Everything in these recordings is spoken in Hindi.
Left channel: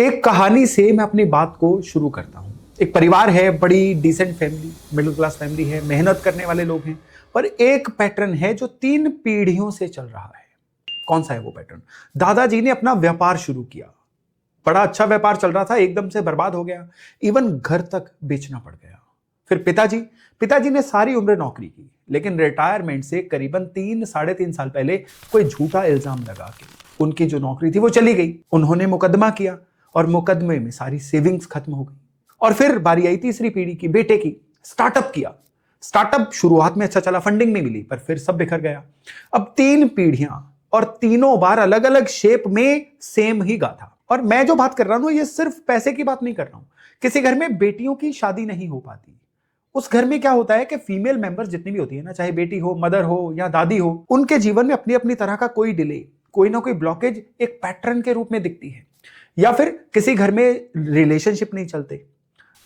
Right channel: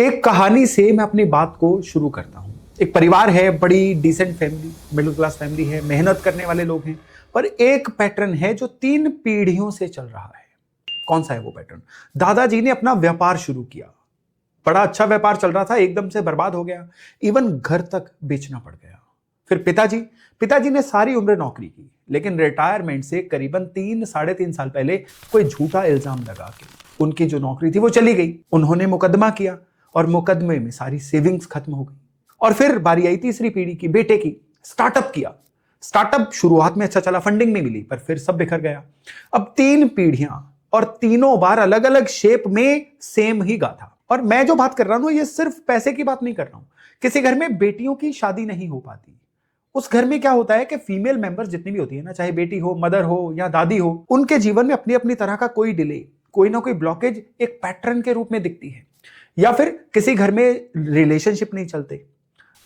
एक कहानी से मैं अपनी बात को शुरू करता हूँ। एक परिवार है, बड़ी decent family, middle class family है, मेहनत करने वाले लोग हैं, पर एक पैटर्न है जो 3 पीढ़ियों से चल रहा है। कौन सा है वो पैटर्न? दादाजी ने अपना व्यापार शुरू किया, बड़ा अच्छा व्यापार चल रहा था, एकदम से बर्बाद हो गया, इवन घर तक बेचना पड़ गया। फिर पिताजी ने सारी उम्र नौकरी की, लेकिन रिटायरमेंट से करीबन 3-3.5 साल पहले कोई झूठा इल्जाम लगा के उनकी जो नौकरी थी वो चली गई। उन्होंने मुकदमा किया और मुकदमे में सारी सेविंग्स खत्म हो गई। और फिर बारी आई तीसरी पीढ़ी की, बेटे की। स्टार्टअप किया, स्टार्टअप शुरुआत में अच्छा चला, फंडिंग नहीं मिली, पर फिर सब बिखर गया। अब 3 पीढ़ियां और तीनों बार अलग अलग शेप में सेम ही गाथा। और मैं जो बात कर रहा हूं ये सिर्फ पैसे की बात नहीं कर रहा हूं। किसी घर में बेटियों की शादी नहीं हो पाती, उस घर में क्या होता है कि फीमेल मेंबर जितनी भी होती है ना, चाहे बेटी हो, मदर हो या दादी हो, उनके जीवन में अपनी अपनी तरह का कोई डिले, कोई ना कोई ब्लॉकेज एक पैटर्न के रूप में दिखती है। या फिर किसी घर में रिलेशनशिप नहीं चलते,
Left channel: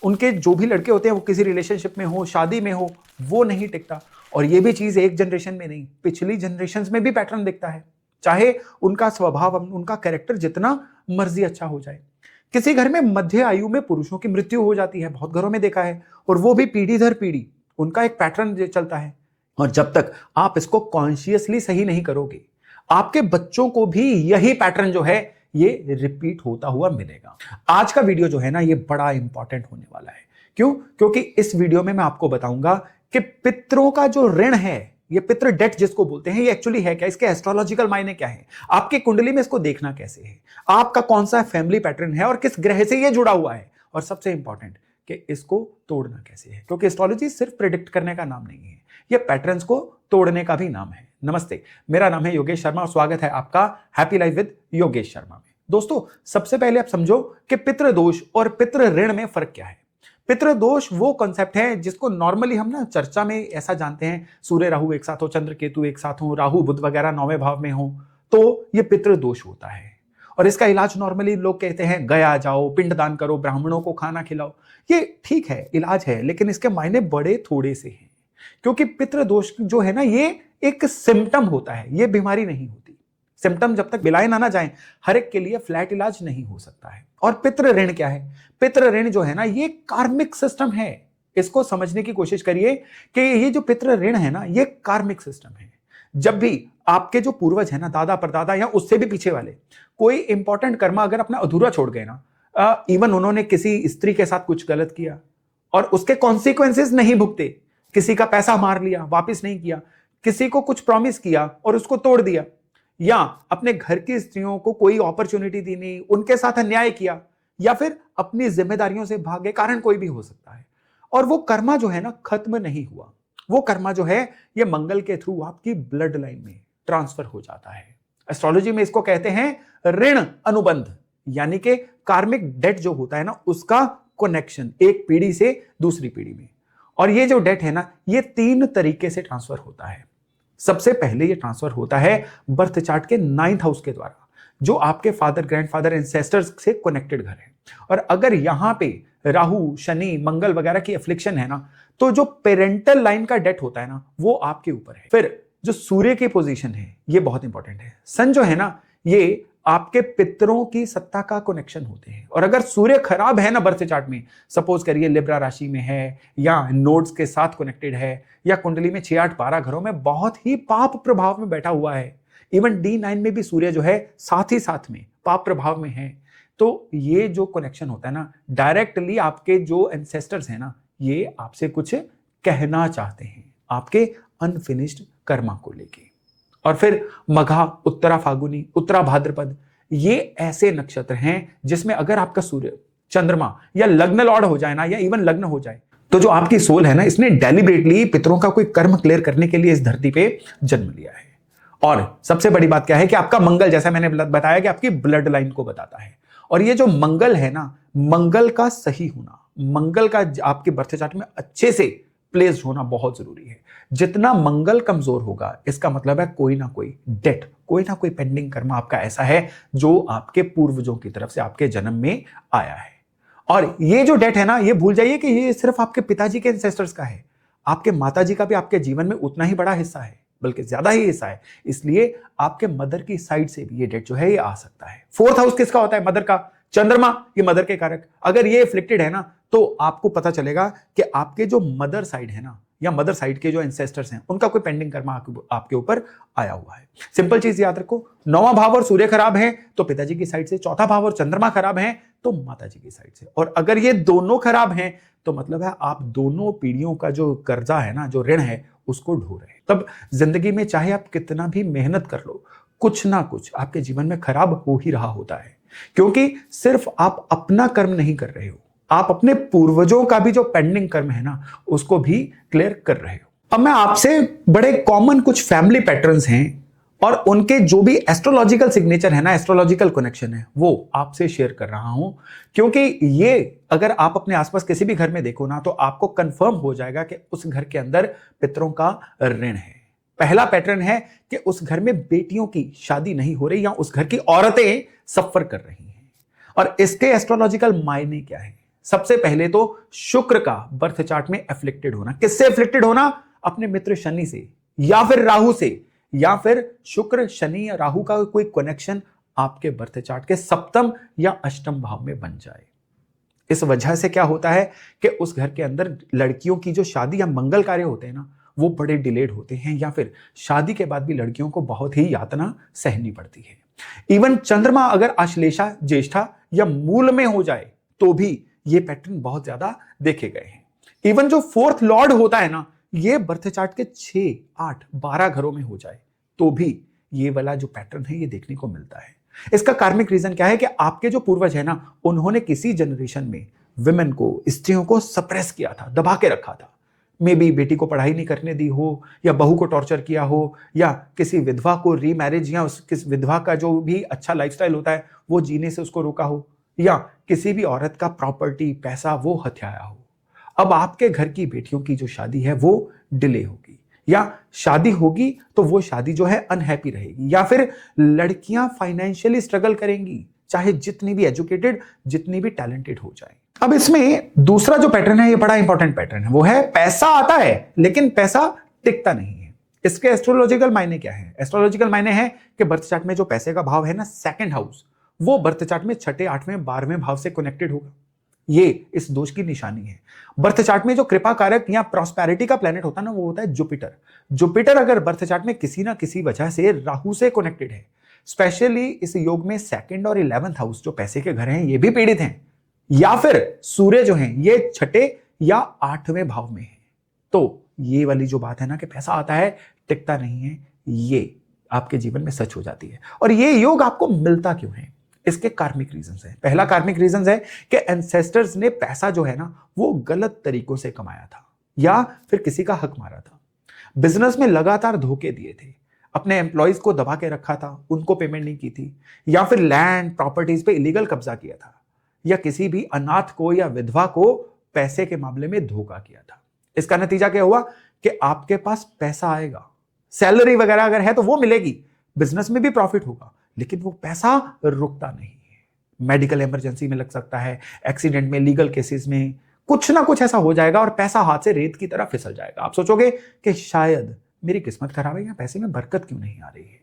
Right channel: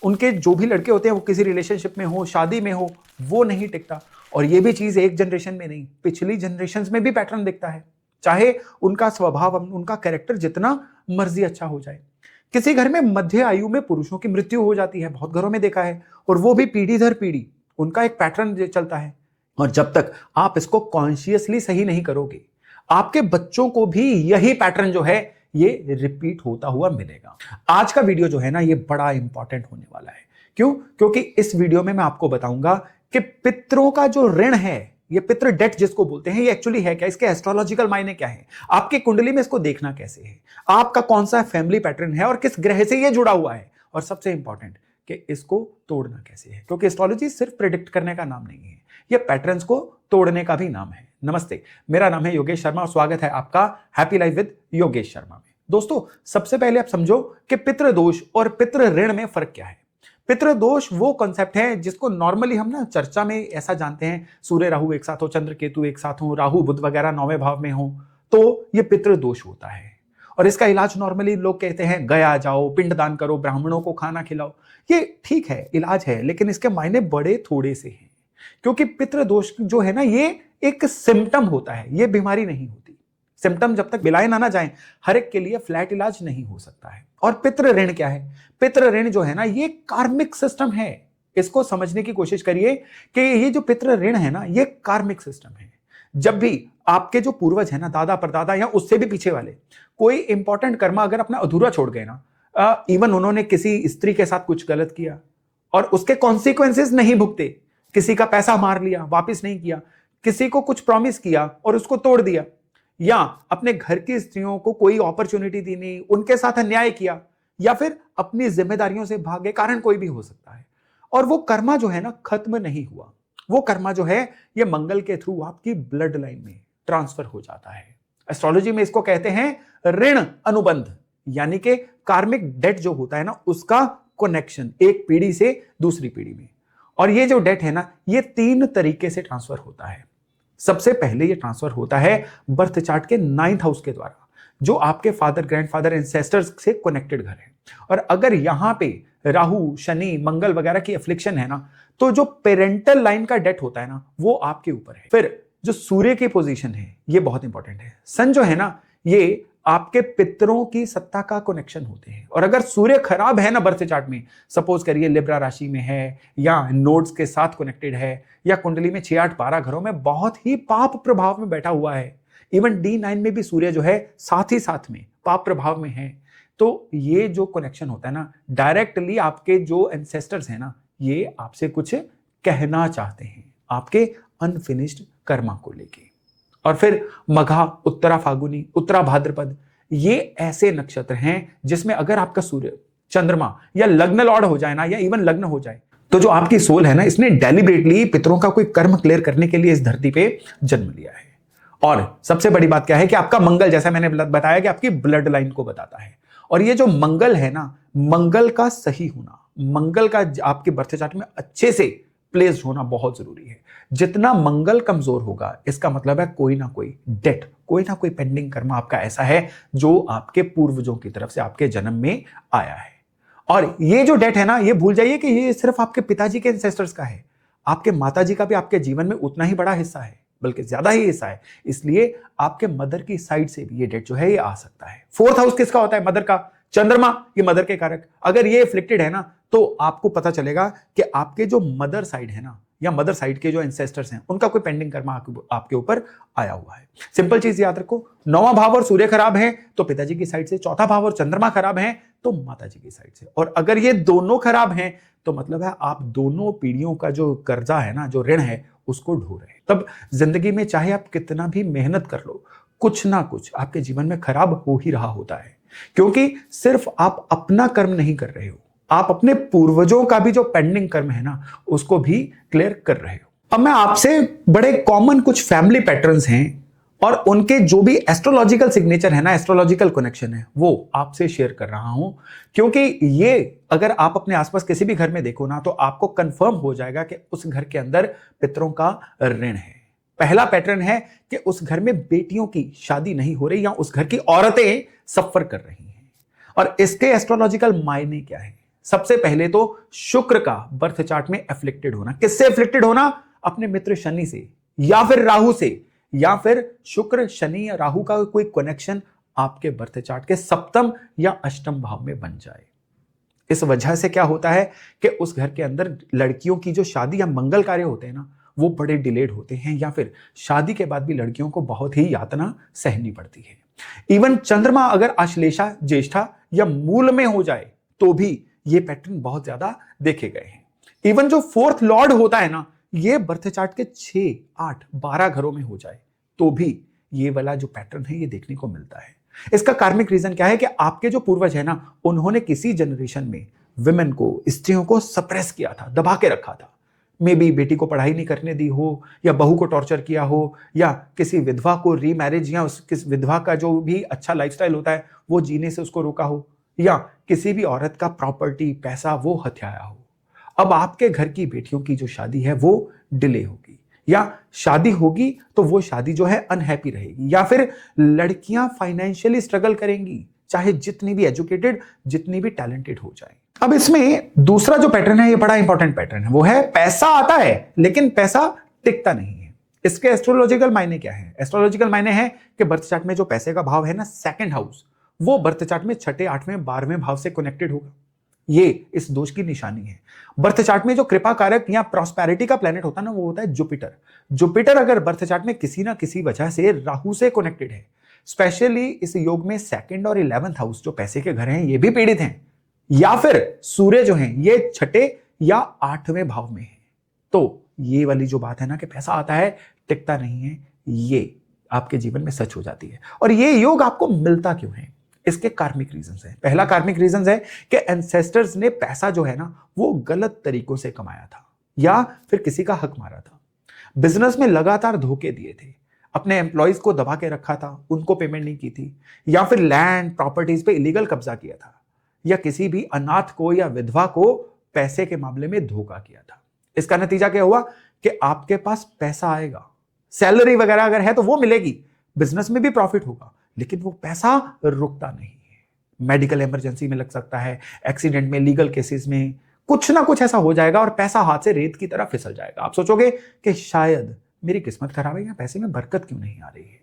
उनके जो भी लड़के होते हैं वो किसी रिलेशनशिप में हो, शादी में हो, वो नहीं टिकता। और ये भी चीज एक जनरेशन में नहीं, पिछली जनरेशन में भी पैटर्न दिखता है, चाहे उनका स्वभाव, उनका कैरेक्टर जितना मर्जी अच्छा हो जाए। किसी घर में मध्य आयु में पुरुषों की मृत्यु हो जाती है, बहुत घरों में देखा है, और वो भी पीढ़ी दर पीढ़ी उनका एक पैटर्न चलता है। और जब तक आप इसको कॉन्शियसली सही नहीं करोगे, आपके बच्चों को भी यही पैटर्न जो है ये रिपीट होता हुआ मिलेगा। आज का वीडियो जो है ना, ये बड़ा इंपॉर्टेंट होने वाला है। क्यों? क्योंकि इस वीडियो में मैं आपको बताऊंगा कि पितरों का जो ऋण है, ये पितृ डेट जिसको बोलते हैं, ये एक्चुअली है क्या, इसके एस्ट्रोलॉजिकल मायने क्या है, आपकी कुंडली में इसको देखना कैसे है, आपका कौन सा फैमिली पैटर्न है और किस ग्रह से ये जुड़ा हुआ है, और सबसे इंपॉर्टेंट कि इसको तोड़ना कैसे है। क्योंकि एस्ट्रोलॉजी सिर्फ प्रेडिक्ट करने का नाम नहीं है, ये पैटर्न्स को तोड़ने का भी नाम है। नमस्ते, मेरा नाम है योगेश शर्मा और स्वागत है आपका happy life with Yogesh Sharma में। दोस्तों, सबसे पहले आप समझो कि पितृ दोष और पितृ ऋण में फर्क क्या है। पितृ दोष वो कॉन्सेप्ट है जिसको नॉर्मली हम ना चर्चा में ऐसा जानते हैं, सूर्य राहु एक साथ हो, चंद्र केतु एक साथ हो, राहु बुध वगैरह 9वें भाव में हो, तो ये पितृ दोष होता है। और इसका इलाज नॉर्मली लोग कहते हैं गया जाओ, पिंडदान करो, ब्राह्मणों को खाना खिलाओ। ये ठीक है, इलाज है, लेकिन इसके मायने बड़े थोड़े से हैं। क्योंकि पितृ दोष जो है ना, ये एक सिम्टम होता है, ये बीमारी नहीं होती। सिम्टम जब तक बिलाए ना जाए, हर एक के लिए फ्लैट इलाज नहीं हो सकता है। और पितृ ऋण क्या है? पितृ ऋण जो है ना, ये कार्मिक सिस्टम है। इसको समझने की कोशिश करिए कि ये जो पितृ ऋण है ना, ये कार्मिक सिस्टम है। जब भी आपके जो पूर्वज है ना, दादा परदादा या उससे भी पीछे वाले, कोई इंपॉर्टेंट कर्म अगर अपने अधूरा छोड़ गए ना, और इवन उन्होंने किसी स्त्री के साथ कुछ गलत किया और उसके कॉन्सिक्वेंसेस नहीं भुगते, किसी का पैसा मार लिया, वापस नहीं किया, किसी को कुछ प्रॉमिस किया और उसको तोड़ दिया, या अपने घर की स्त्रियों को कोई अपॉर्चुनिटी दी नहीं, उनके साथ अन्याय किया, या फिर अपनी जिम्मेदारियों से भागे, कारण कोई भी हो सकता है, और वो कर्मा जो है ना खत्म नहीं हुआ, वो कर्मा जो है ये मंगल के थ्रू आपकी ब्लड लाइन में ट्रांसफर हो जाता है। एस्ट्रोलॉजी में इसको कहते हैं ऋण अनुबंध, यानी कि कार्मिक डेट जो होता है ना, उसका कनेक्शन एक पीढ़ी से दूसरी पीढ़ी में। और ये जो डेट है ना, ये 3 तरीके से ट्रांसफर होता है। सबसे पहले ये ट्रांसफर होता है बर्थ चार्ट के 9th हाउस के द्वारा, जो आपके फादर, ग्रैंडफादर, एंसेस्टर्स से कनेक्टेड घर है। और अगर यहां पे राहु, शनि, मंगल वगैरह की एफ्लिक्शन है ना, तो जो पेरेंटल लाइन का डेट होता है ना, वो आपके ऊपर है। फिर जो सूर्य की पोजीशन है, ये बहुत इंपॉर्टेंट है। सन जो है ना, ये आपके पितरों की सत्ता का कनेक्शन होते हैं। और अगर सूर्य खराब है ना बर्थ चार्ट में, सपोज करिए लिब्रा राशि में है, या नोड्स के साथ कनेक्टेड है, या कुंडली में 6, 8, 12 घरों में बहुत ही पाप प्रभाव में बैठा हुआ है, इवन D9 में भी सूर्य जो है साथ ही साथ में पाप प्रभाव में है, तो ये जो कनेक्शन होता है ना, डायरेक्टली आपके जो एंसेस्टर्स हैं ना, ये आपसे कुछ कहना चाहते हैं आपके अनफिनिश्ड कर्म को लेके। और फिर मघा, उत्तरा फागुनी, उत्तरा भाद्रपद, ये ऐसे नक्षत्र हैं जिसमें अगर आपका सूर्य, चंद्रमा या लग्न लॉर्ड हो जाए ना, या इवन लग्न हो जाए, तो जो आपकी सोल है ना, इसने डेलिबरेटली पितरों का कोई कर्म क्लियर करने के लिए इस धरती पे जन्म लिया है। और सबसे बड़ी बात क्या है कि आपका मंगल, जैसा मैंने बताया, कि आपकी ब्लड लाइन को बताता है। और ये जो मंगल है ना, मंगल का सही होना, मंगल का आपके बर्थ चार्ट में अच्छे से प्लेस होना बहुत जरूरी है। जितना मंगल कमजोर होगा, इसका मतलब है कोई ना कोई डेट, कोई ना कोई पेंडिंग कर्म आपका ऐसा है जो आपके पूर्वजों की तरफ से आपके जन्म में आया है। और ये जो डेट है ना, ये भूल जाइए कि ये सिर्फ आपके पिताजी के एंसेस्टर्स का है, आपके माताजी का भी आपके जीवन में उतना ही बड़ा हिस्सा है, बल्कि ज्यादा ही हिस्सा है। इसलिए आपके मदर की साइड से भी ये डेट जो है ये आ सकता है। 4th हाउस किसका होता है? मदर का। चंद्रमा ये मदर के कारक, अगर ये एफ्लिक्टेड है ना तो आपको पता चलेगा कि आपके जो मदर साइड है ना या मदर साइड के जो एंसेस्टर्स हैं उनका कोई पेंडिंग कर्म आपके ऊपर आया हुआ है। सिंपल चीज याद रखो, नौवां भाव और सूर्य खराब है तो पिताजी की साइड से, चौथा भाव और चंद्रमा खराब है तो माताजी की साइड से, और अगर ये दोनों खराब हैं तो मतलब है आप दोनों पीढ़ियों का जो कर्जा है ना, जो ऋण है, उसको ढो रहे हैं। तब जिंदगी में चाहे आप कितना भी मेहनत कर लो, कुछ ना कुछ आपके जीवन में खराब हो ही रहा होता है, क्योंकि सिर्फ आप अपना कर्म नहीं कर रहे हो, आप अपने पूर्वजों का भी जो पेंडिंग कर्म है ना उसको भी क्लियर कर रहे हो। अब मैं आपसे बड़े कॉमन कुछ फैमिली पैटर्न्स हैं और उनके जो भी एस्ट्रोलॉजिकल सिग्नेचर है ना, एस्ट्रोलॉजिकल कनेक्शन है, वो आपसे शेयर कर रहा हूं, क्योंकि ये अगर आप अपने आसपास किसी भी घर में देखो ना तो आपको कंफर्म हो जाएगा कि उस घर के अंदर पितरों का ऋण है। पहला पैटर्न है कि उस घर में बेटियों की शादी नहीं हो रही या उस घर की औरतें सफर कर रही हैं, और इसके एस्ट्रोलॉजिकल मायने क्या है। सबसे पहले तो शुक्र का बर्थ चार्ट में एफ्लिक्टेड होना। किससे एफ्लिक्टेड होना? अपने मित्र शनि से या फिर राहु से, या फिर शुक्र शनि या राहु का कोई कनेक्शन आपके बर्थ चार्ट के सप्तम या अष्टम भाव में बन जाए। इस वजह से क्या होता है कि उस घर के अंदर लड़कियों की जो शादी या मंगल कार्य होते हैं ना वो बड़े डिलेड होते हैं, या फिर शादी के बाद भी लड़कियों को बहुत ही यातना सहनी पड़ती है। इवन चंद्रमा अगर आश्लेषा, ज्येष्ठा या मूल में हो जाए तो भी ये पैटर्न बहुत ज्यादा देखे गए हैं। इवन जो फोर्थ लॉर्ड होता है ना, ये बर्थ चार्ट के 6, 8, 12 घरों में हो जाए तो भी ये वाला जो पैटर्न है ये देखने को मिलता है। इसका कार्मिक रीजन क्या है कि आपके जो पूर्वज है ना उन्होंने किसी जनरेशन में विमेन को, स्त्रियों को सप्रेस किया था, दबा के रखा था। मे बी बेटी को पढ़ाई नहीं करने दी हो, या बहू को टॉर्चर किया हो, या किसी विधवा को रीमैरिज या किस विधवा का जो भी अच्छा लाइफस्टाइल होता है वो जीने से उसको रोका हो, या किसी भी औरत का प्रॉपर्टी, पैसा वो हथियाया हो। अब आपके घर की बेटियों की जो शादी है वो डिले होगी, या शादी होगी तो वो शादी जो है अनहैप्पी रहेगी, या फिर लड़कियां फाइनेंशियली स्ट्रगल करेंगी, चाहे जितनी भी एजुकेटेड, जितनी भी टैलेंटेड हो जाए। अब इसमें दूसरा जो पैटर्न है ये बड़ा इंपॉर्टेंट पैटर्न है, वो है पैसा आता है लेकिन पैसा टिकता नहीं है। इसके एस्ट्रोलॉजिकल मायने क्या है? एस्ट्रोलॉजिकल मायने है कि बर्थ चार्ट में जो पैसे का भाव है ना, सेकंड हाउस, वो बर्थ चार्ट में 6, 8वें, 12वें भाव से कनेक्टेड होगा। ये इस दोष की निशानी है। बर्थ चार्ट में जो कृपा कारक या प्रॉस्पेरिटी का प्लेनेट होता है ना वो होता है जुपिटर। जुपिटर अगर बर्थ चार्ट में किसी ना किसी वजह से राहु से कनेक्टेड है, स्पेशली इस योग में 2nd और 11th हाउस जो पैसे के घर हैं ये भी पीड़ित हैं, या फिर सूर्य जो है ये 6ठे या 8वें भाव में है, तो ये वाली जो बात है ना कि पैसा आता है टिकता नहीं है, ये आपके जीवन में सच हो जाती है। और ये योग आपको मिलता क्यों है? इसके कार्मिक रीजंस हैं। पहला कार्मिक रीजंस है कि एंसेस्टर्स ने पैसा जो है ना वो गलत तरीकों से कमाया था, या फिर किसी का हक मारा था, बिजनेस में लगातार धोखे दिए थे, अपने एम्प्लॉइज को दबा के रखा था, उनको पेमेंट नहीं की थी, या फिर लैंड प्रॉपर्टीज पे इलीगल कब्जा किया था, या किसी भी अनाथ को या विधवा को पैसे के मामले में धोखा किया था। इसका नतीजा क्या हुआ कि आपके पास पैसा आएगा, सैलरी वगैरह अगर है तो वो मिलेगी, बिजनेस में भी प्रॉफिट होगा, लेकिन वो पैसा रुकता नहीं है। मेडिकल इमरजेंसी में लग सकता है, एक्सीडेंट में, लीगल केसेस में कुछ ना कुछ ऐसा हो जाएगा और पैसा हाथ से रेत की तरह फिसल जाएगा। आप सोचोगे कि शायद मेरी किस्मत खराब है या पैसे में बरकत क्यों नहीं आ रही है।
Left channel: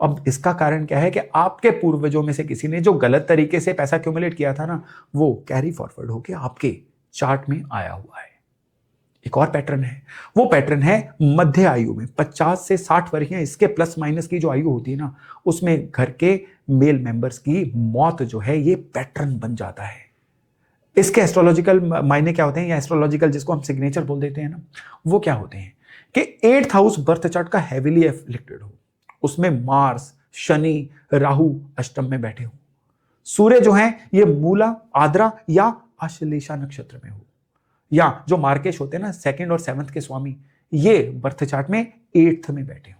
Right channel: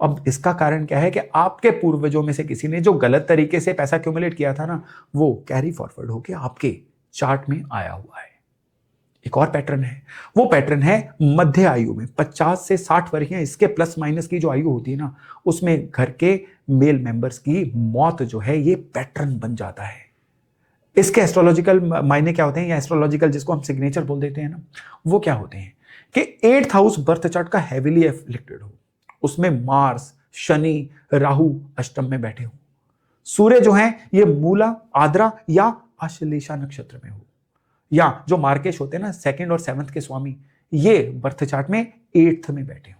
अब इसका कारण क्या है कि आपके पूर्वजों में से किसी ने जो गलत तरीके से पैसा एक्यूमुलेट किया था ना वो कैरी फॉरवर्ड होकर आपके चार्ट में आया हुआ है। एक और पैटर्न है, वो पैटर्न है मध्य आयु में 50 से 60 वर्ष, इसके प्लस माइनस की जो आयु होती है ना उसमें घर के मेल मेंबर्स की मौत जो है ये पैटर्न बन जाता है। इसके एस्ट्रोलॉजिकल मायने क्या होते हैं, या एस्ट्रोलॉजिकल जिसको हम सिग्नेचर बोल देते हैं ना, वो क्या होते हैं कि 8th हाउस बर्थ चार्ट का हैवीली एफ्लिक्टेड हो, उसमें मार्स, शनि, राहु अष्टम में बैठे हो, सूर्य जो है ये मूला, आद्रा या आश्लेषा नक्षत्र में हो, या जो मार्केश होते हैं ना 2nd और 7th के स्वामी ये बर्थ चार्ट में 8th में बैठे हो।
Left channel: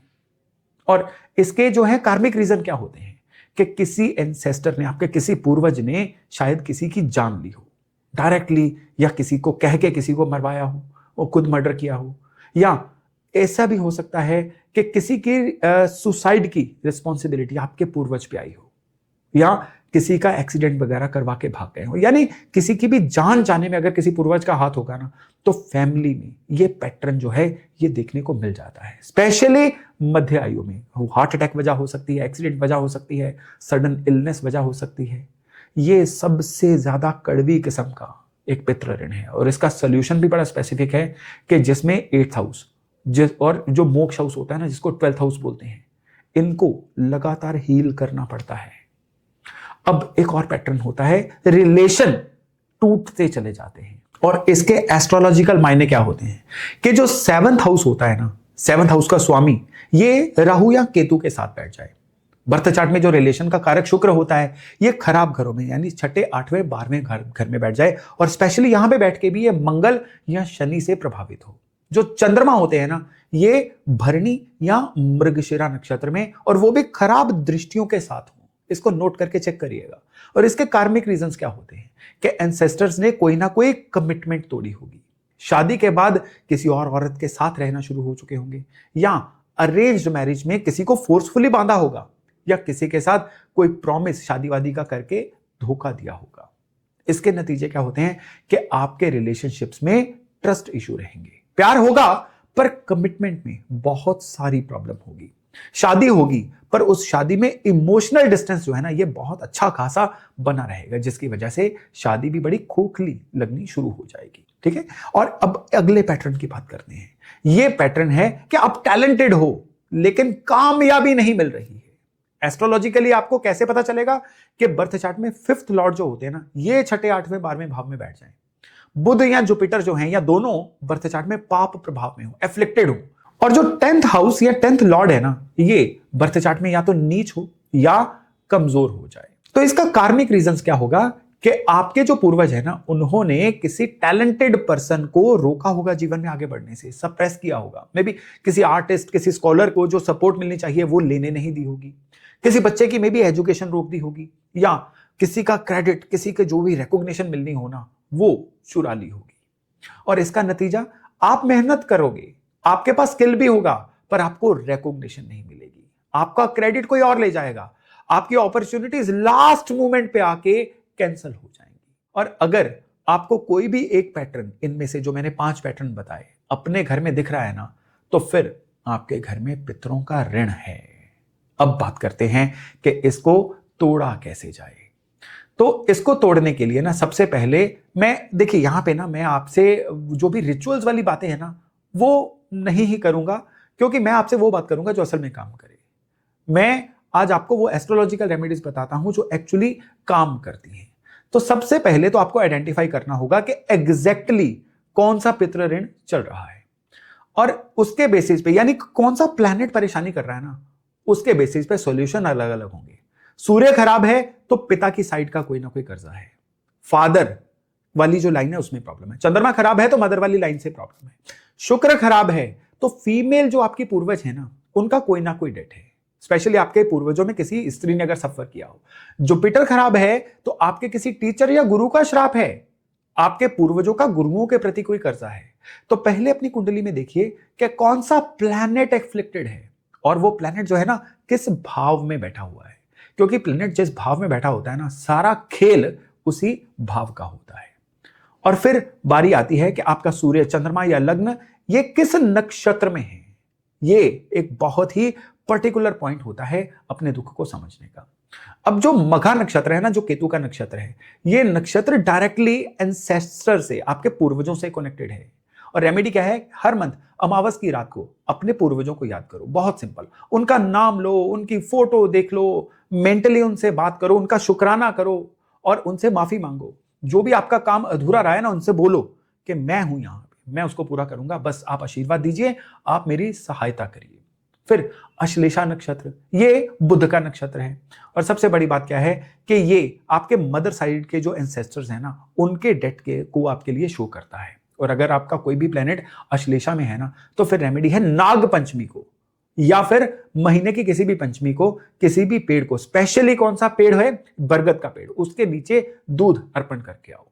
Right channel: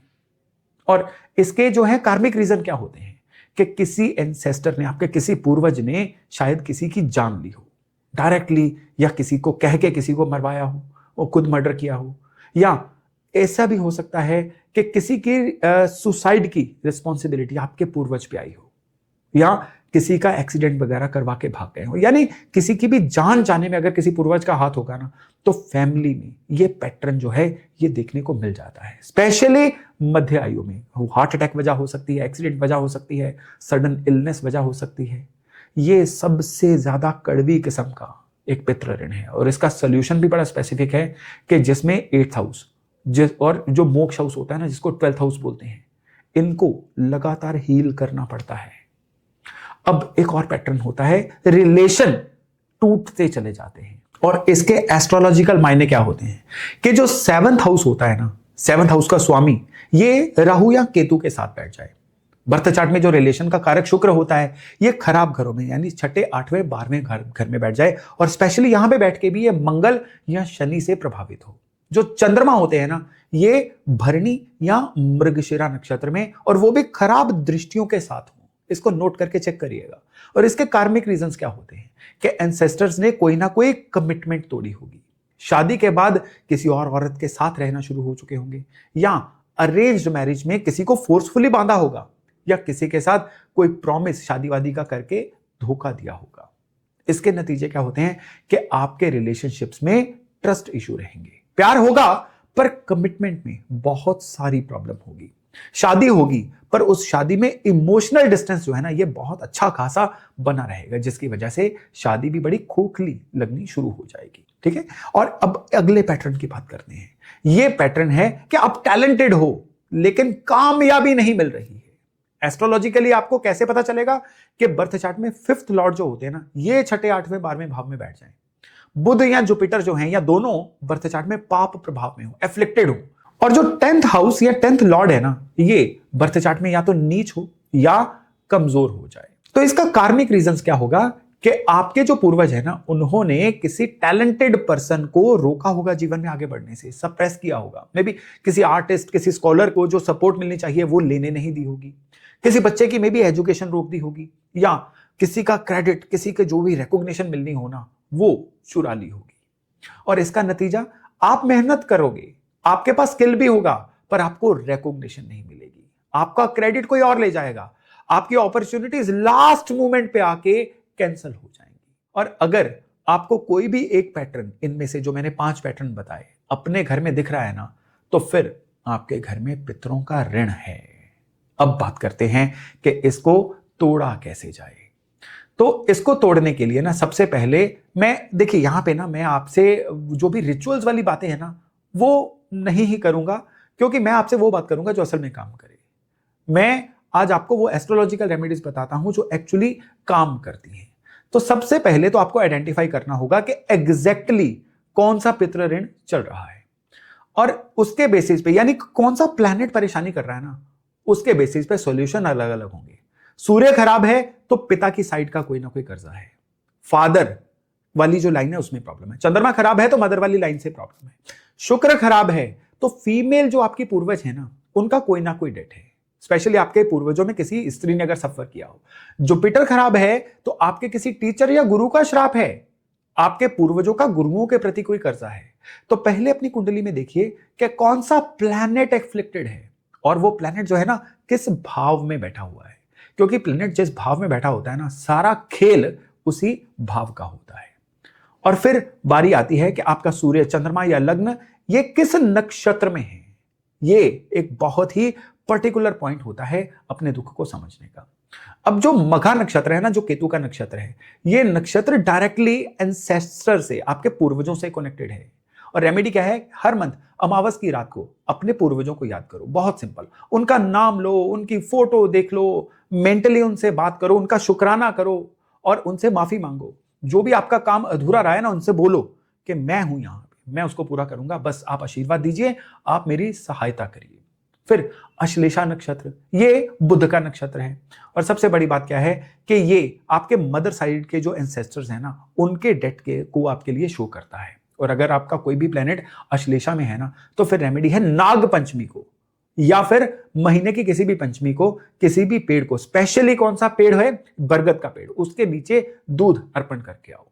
और इसके जो है कार्मिक रीजन क्या होते हैं कि किसी एंसेस्टर ने, आपके किसी पूर्वज ने शायद किसी की जान ली हो डायरेक्टली, या किसी को कह के किसी को मरवाया हो, वो खुद मर्डर किया हो, या ऐसा भी हो सकता है कि किसी की सुसाइड की रिस्पॉन्सिबिलिटी आपके पूर्वज पे आई हो, या किसी का एक्सीडेंट वगैरह करवा के भाग गए हो, यानी किसी की भी जान जाने में अगर किसी पूर्वज का हाथ होगा ना तो फैमिली में ये पैटर्न जो है ये देखने को मिल जाता है। स्पेशली मध्य आयु में हार्ट अटैक वजह हो सकती है, एक्सीडेंट वजह हो सकती है, सडन इलनेस वजह हो सकती है, ये सबसे ज्यादा कड़वी किस्म का एक पितृ ऋण है और इसका सोल्यूशन भी बड़ा स्पेसिफिक है कि जिसमें 8th हाउस और जो मोक्ष हाउस होता है ना, जिसको 12th हाउस बोलते हैं, इनको लगातार हील करना पड़ता है। अब एक और पैटर्न होता है, रिलेशन टूटते चले जाते हैं और इसके एस्ट्रोलॉजिकल मायने क्या होते हैं कि जो 7th हाउस होता है ना, 7th हाउस का स्वामी ये राहु या केतु के साथ बैठ जाए। बर्थ चार्ट में जो रिलेशन का कारक शुक्र होता है ये खराब घरों में यानी 6ठे 8वें 12वें घर में बैठ जाए और स्पेशली यहां पे बैठ के भी ये मंगल या शनि से प्रभावित हो। जो चंद्रमा होते हैं ना, ये भरणी या मृगशिरा नक्षत्र में और वो भी खराब दृष्टियों के साथ हो। इसको नोट करके चेक करिएगा। और इसके कार्मिक रीजंस क्या होते हैं कि एंसेस्टर्स ने कोई ना कोई कमिटमेंट तोड़ी होगी, शादी के बाद किसी और औरत के साथ रहना शुरू हो चुके होंगे, या अरेंज्ड मैरिज में किसी को फोर्सफुली बांधा होगा, या किसी के साथ कोई प्रॉमिस शादी वादी का करके धोखा दिया होगा। इसके नतीजे क्या होते हैं कि आपके रिलेशनशिप्स में ट्रस्ट इश्यू रहेंगे। प्यार होगा पर कमिटमेंट में बहुत सारी प्रॉब्लम होगी। शादी होगी पर उस शादी में इमोशनल डिस्टेंस जो है ना, ये बहुत अच्छा खासा बना रहेगा, जिसकी वजह से शादी भी बड़ी खोखली लगनी शुरू हो जाएगी। ठीक है, और अब अगले पैटर्न की बात करते हैं। ये पैटर्न है कि आप टैलेंटेड हो लेकिन कामयाबी नहीं मिल रही है। एस्ट्रोलॉजिकली आपको कैसे पता चलेगा कि बर्थ चार्ट में 5th लॉर्ड जो होते हैं ना, ये 6ठे 8वें 12वें भाव में बैठ जाए। बुध या जुपिटर जो हैं, या दोनों बर्थ चार्ट में पाप प्रभाव में हो, एफ्लिक्टेड हो, और जो 10th हाउस या 10th लॉर्ड है ना, ये बर्थ चार्ट में या तो नीच हो या कमजोर हो जाए। तो इसका कार्मिक रीजंस क्या होगा कि आपके जो पूर्वज है ना, उन्होंने किसी टैलेंटेड पर्सन को रोका होगा जीवन में आगे बढ़ने से, सप्रेस किया होगा। मे बी किसी आर्टिस्ट, किसी स्कॉलर को जो सपोर्ट मिलनी चाहिए वो लेने नहीं दी होगी, किसी बच्चे की मे बी एजुकेशन रोक दी होगी, या किसी का क्रेडिट, किसी के जो भी रिकॉग्निशन मिलनी हो ना, वो चुरा ली होगी। और इसका नतीजा, आप मेहनत करोगे, आपके पास स्किल भी होगा पर आपको रिकॉग्निशन नहीं मिलेगी, आपका क्रेडिट कोई और ले जाएगा, आपकी अपॉर्चुनिटीज लास्ट मोमेंट पे आके कैंसिल हो जाएंगी। और अगर आपको कोई भी एक पैटर्न इनमें से जो मैंने 5 पैटर्न बताए अपने घर में दिख रहा है ना, तो फिर आपके घर में पितरों का ऋण है। अब बात करते हैं कि इसको तोड़ा कैसे जाए। तो इसको तोड़ने के लिए ना, सबसे पहले देखिए यहां पे ना, मैं आपसे जो भी रिचुअल्स वाली बातें हैं ना, वो नहीं ही करूंगा, क्योंकि मैं आपसे वो बात करूंगा जो असल में काम करे। मैं आज आपको वो एस्ट्रोलॉजिकल रेमेडीज बताता हूं जो एक्चुअली काम करती हैं। तो सबसे पहले तो आपको आइडेंटिफाई करना होगा कि एग्जैक्टली कौन सा पितृ ऋण चल रहा है, और उसके बेसिस पे, यानी कौन सा प्लैनेट परेशानी कर रहा है ना, उसके बेसिस पे सॉल्यूशन अलग अलग होंगे। सूर्य खराब है तो पिता की साइड का कोई ना कोई कर्जा है, फादर वाली जो लाइन है उसमें प्रॉब्लम है। चंद्रमा खराब है तो मदर वाली लाइन से प्रॉब्लम है। शुक्र खराब है तो फीमेल जो आपकी पूर्वज है ना, उनका कोई ना कोई डेट है, स्पेशली आपके पूर्वजों में किसी स्त्री ने अगर सफर किया हो। जुपिटर खराब है तो आपके किसी टीचर या गुरु का श्राप है, आपके पूर्वजों का गुरुओं के प्रति कोई कर्जा है। तो पहले अपनी कुंडली में देखिए कि कौन सा प्लैनेट एफ्लिक्टेड है, और वो प्लैनेट जो है ना किस भाव में बैठा हुआ है, क्योंकि प्लैनेट जिस भाव में बैठा होता है ना, सारा खेल उसी भाव का होता है। और फिर बारी आती है कि आपका सूर्य, चंद्रमा या लग्न ये किस नक्षत्र में है। ये एक बहुत ही पर्टिकुलर पॉइंट होता है अपने दुख को समझने का। अब जो मघा नक्षत्र है ना, जो केतु का नक्षत्र है, ये नक्षत्र डायरेक्टली एंसेस्टर से, आपके पूर्वजों से कनेक्टेड है। और रेमेडी क्या है, हर मंथ अमावस की रात को अपने पूर्वजों को याद करो। बहुत सिंपल, उनका नाम लो, उनकी फोटो देख लो, मेंटली उनसे बात करो, उनका शुक्राना करो और उनसे माफी मांगो। जो भी आपका काम अधूरा रहा है ना, उनसे बोलो कि मैं हूं यहां पे, मैं उसको पूरा करूंगा, बस आप आशीर्वाद दीजिए, आप मेरी सहायता करिए। फिर अश्लेषा नक्षत्र, ये बुध का नक्षत्र है। और सबसे बड़ी बात क्या है कि ये आपके मदर साइड के जो एंसेस्टर्स हैं ना, उनके डेथ को आपके लिए शो करता है। और अगर आपका कोई भी प्लेनेट अश्लेषा में है ना, तो फिर रेमेडी है नाग पंचमी को, या फिर महीने की किसी भी पंचमी को किसी भी पेड़ को, स्पेशली कौन सा पेड़ है, बरगद का पेड़, उसके नीचे दूध अर्पण करके आओ।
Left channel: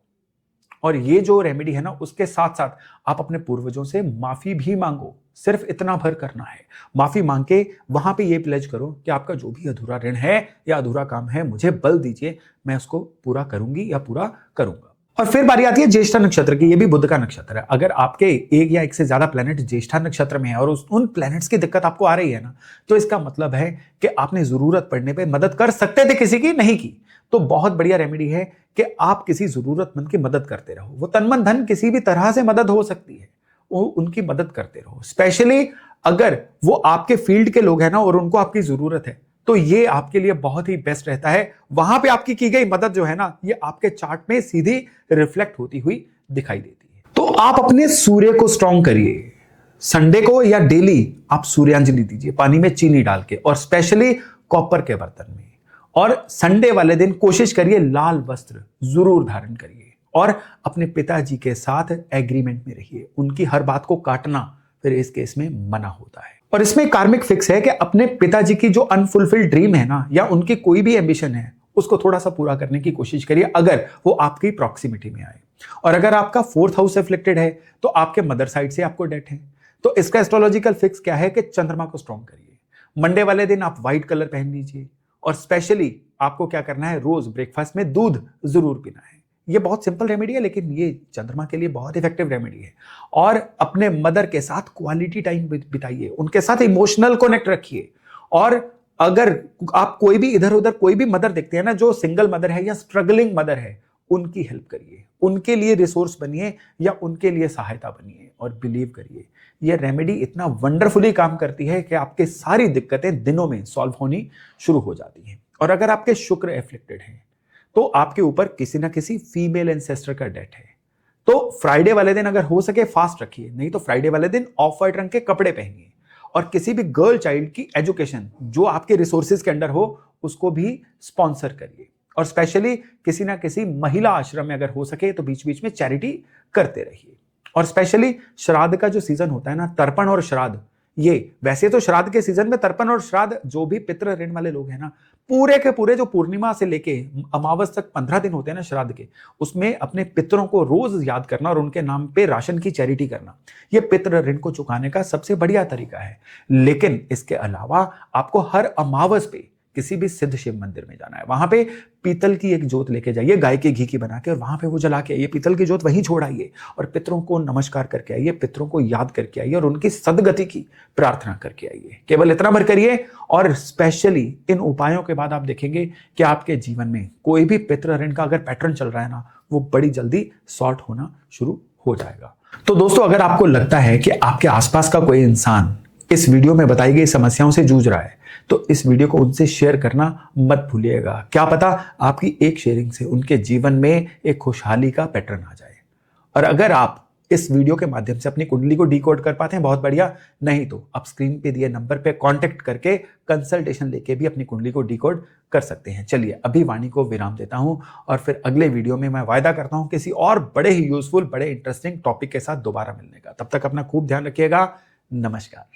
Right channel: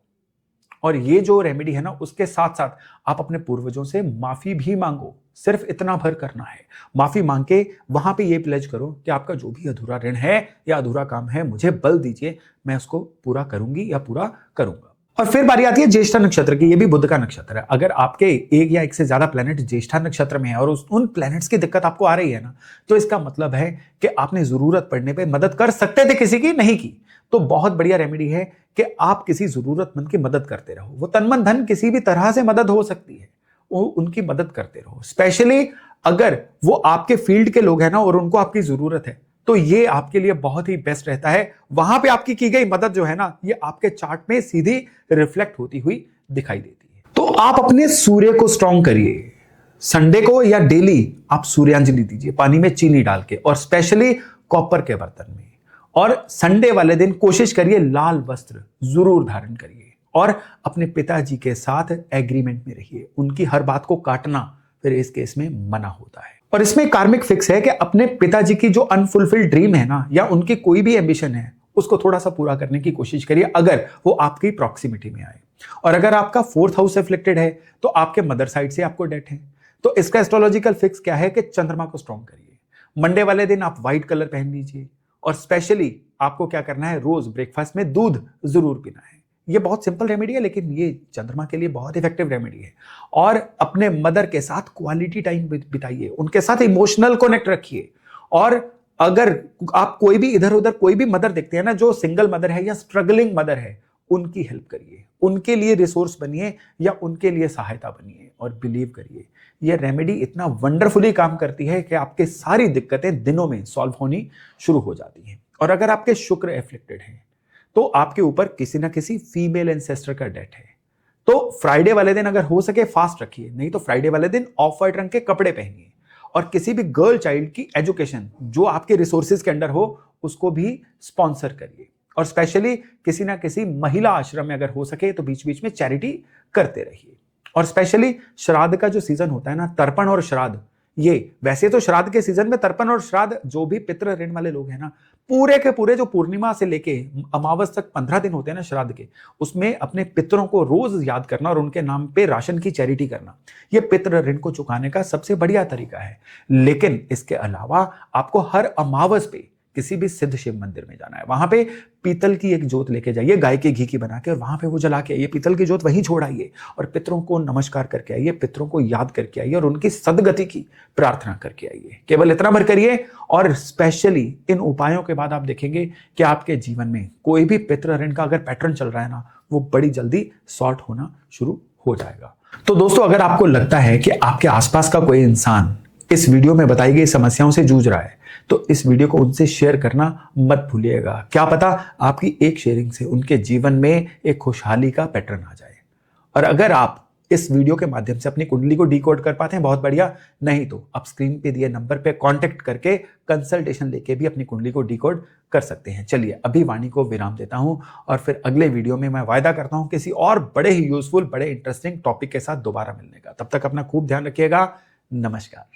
और ये जो रेमेडी है ना, उसके साथ साथ आप अपने पूर्वजों से माफी भी मांगो। सिर्फ इतना भर करना है, माफी मांग के वहां पे ये प्लेज करो कि आपका जो भी अधूरा ऋण है या अधूरा काम है, मुझे बल दीजिए, मैं उसको पूरा करूंगी या पूरा करूंगा। और फिर बारी आती है ज्येष्ठा नक्षत्र की। ये भी बुध का नक्षत्र है। अगर आपके एक या एक से ज्यादा प्लैनेट ज्येष्ठा नक्षत्र में है और उन प्लैनेट्स की दिक्कत आपको आ रही है ना, तो इसका मतलब है कि आपने जरूरत पड़ने पे मदद कर सकते थे किसी की, नहीं की, तो बहुत बढ़िया रेमेडी है कि आप किसी जरूरतमंद की मदद करते रहो। वो तन मन धन किसी भी तरह से मदद हो सकती है, वो उनकी मदद करते रहो। स्पेशली अगर वो आपके फील्ड के लोग हैं ना और उनको आपकी जरूरत है, तो ये आपके लिए बहुत ही बेस्ट रहता है। वहां पे आपकी की गई मदद जो है ना, ये आपके चार्ट में सीधी रिफ्लेक्ट होती हुई दिखाई देती है। तो आप अपने सूर्य को स्ट्रॉन्ग करिए। संडे को या डेली आप सूर्यांजलि दीजिए पानी में चीनी डाल के, और स्पेशली कॉपर के बर्तन में। और संडे वाले दिन कोशिश करिए लाल वस्त्र जरूर धारण करिए, और अपने पिताजी के साथ एग्रीमेंट में रहिए। उनकी हर बात को काटना फिर इस केस में मना होता है। और इसमें कार्मिक फिक्स है कि अपने पिताजी की जो अनफुलफिल्ड ड्रीम है ना, या उनकी कोई भी एम्बिशन है, उसको थोड़ा सा पूरा करने की कोशिश करिए अगर वो आपकी प्रॉक्सिमिटी में आए। और अगर आपका 4th हाउस अफ्लिक्टेड है तो आपके मदर साइड से आपको डेट है, तो इसका एस्ट्रोलॉजिकल फिक्स क्या है कि चंद्रमा को स्ट्रॉन्ग करिए। मंडे वाले दिन आप व्हाइट कलर पहन लीजिए, और स्पेशली आपको क्या करना है, रोज ब्रेकफास्ट में दूध जरूर पीना है। ये बहुत सिंपल रेमेडी है, लेकिन ये चंद्रमा के लिए बहुत इफेक्टिव रेमेडी है। और अपने मदर के साथ क्वालिटी टाइम बिताइए, उनके साथ इमोशनल कनेक्ट रखिए। और अगर आप कोई भी इधर उधर कोई भी मदर देखते हैं ना जो सिंगल मदर है या स्ट्रगलिंग मदर है, उनकी हेल्प करिए, उनके लिए रिसोर्स बनिए या उनके लिए सहायता बनिए। और बिलीव करिए, ये रेमेडी इतना वंडरफुली काम करती है कि आपके सारी दिक्कतें दिनों में सॉल्व होनी शुरू हो जाती हैं। और अगर आपके शुक्र एफ्लिक्टेड है तो आपके ऊपर किसी ना किसी फीमेल एंसेस्टर का डेट है, तो फ्राइडे वाले दिन अगर हो सके फास्ट रखिए, नहीं तो फ्राइडे वाले दिन ऑफ व्हाइट रंग के कपड़े पहनिए। और किसी भी गर्ल चाइल्ड की एजुकेशन जो आपके रिसोर्सेज के अंडर हो, उसको भी स्पॉन्सर करिए। और स्पेशली किसी ना किसी महिला आश्रम में अगर हो सके तो बीच बीच में चैरिटी करते रहिए। और स्पेशली श्राद्ध का जो सीजन होता है ना, तर्पण और श्राद्ध, ये वैसे तो श्राद्ध के सीजन में तर्पण और श्राद्ध जो भी पितृ ऋण वाले लोग हैं ना, पूरे के पूरे जो पूर्णिमा से लेके अमावस तक 15 दिन होते हैं ना श्राद्ध के, उसमें अपने पितरों को रोज याद करना और उनके नाम पे राशन की चैरिटी करना, ये पितृ ऋण को चुकाने का सबसे बढ़िया तरीका है। लेकिन इसके अलावा आपको हर अमावस पे किसी भी सिद्ध शिव मंदिर में जाना है, वहां पे पीतल की एक जोत लेके जाइए गाय के घी की बना के, और वहां पे वो जला के आइए, पीतल की जोत वहीं छोड़ आइए, और पितरों को नमस्कार करके आइए, पितरों को याद करके आइए, और उनकी सदगति की प्रार्थना करके आइए। केवल इतना भर करिए, और स्पेशली इन उपायों के बाद आप देखेंगे कि आपके जीवन में कोई भी पितृ ऋण का अगर पैटर्न चल रहा है ना, वो बड़ी जल्दी सॉर्ट होना शुरू हो जाएगा। तो दोस्तों, अगर आपको लगता है कि आपके आसपास का कोई इंसान इस वीडियो में बताई गई समस्याओं से जूझ रहा है, तो इस वीडियो को उनसे शेयर करना मत भूलिएगा। क्या पता आपकी एक शेयरिंग से उनके जीवन में एक खुशहाली का पैटर्न आ जाए। और अगर आप इस वीडियो के माध्यम से अपनी कुंडली को डिकोड कर पाते हैं, बहुत बढ़िया, नहीं तो आप स्क्रीन पे दिए नंबर पे कांटेक्ट करके कंसल्टेशन लेके भी अपनी कुंडली को डिकोड कर सकते हैं। चलिए अभी वाणी को विराम देता हूं, और फिर अगले वीडियो में मैं वायदा करता हूं किसी और बड़े ही यूजफुल, बड़े इंटरेस्टिंग टॉपिक के साथ दोबारा मिलने का। तब तक अपना खूब ध्यान रखिएगा। नमस्कार।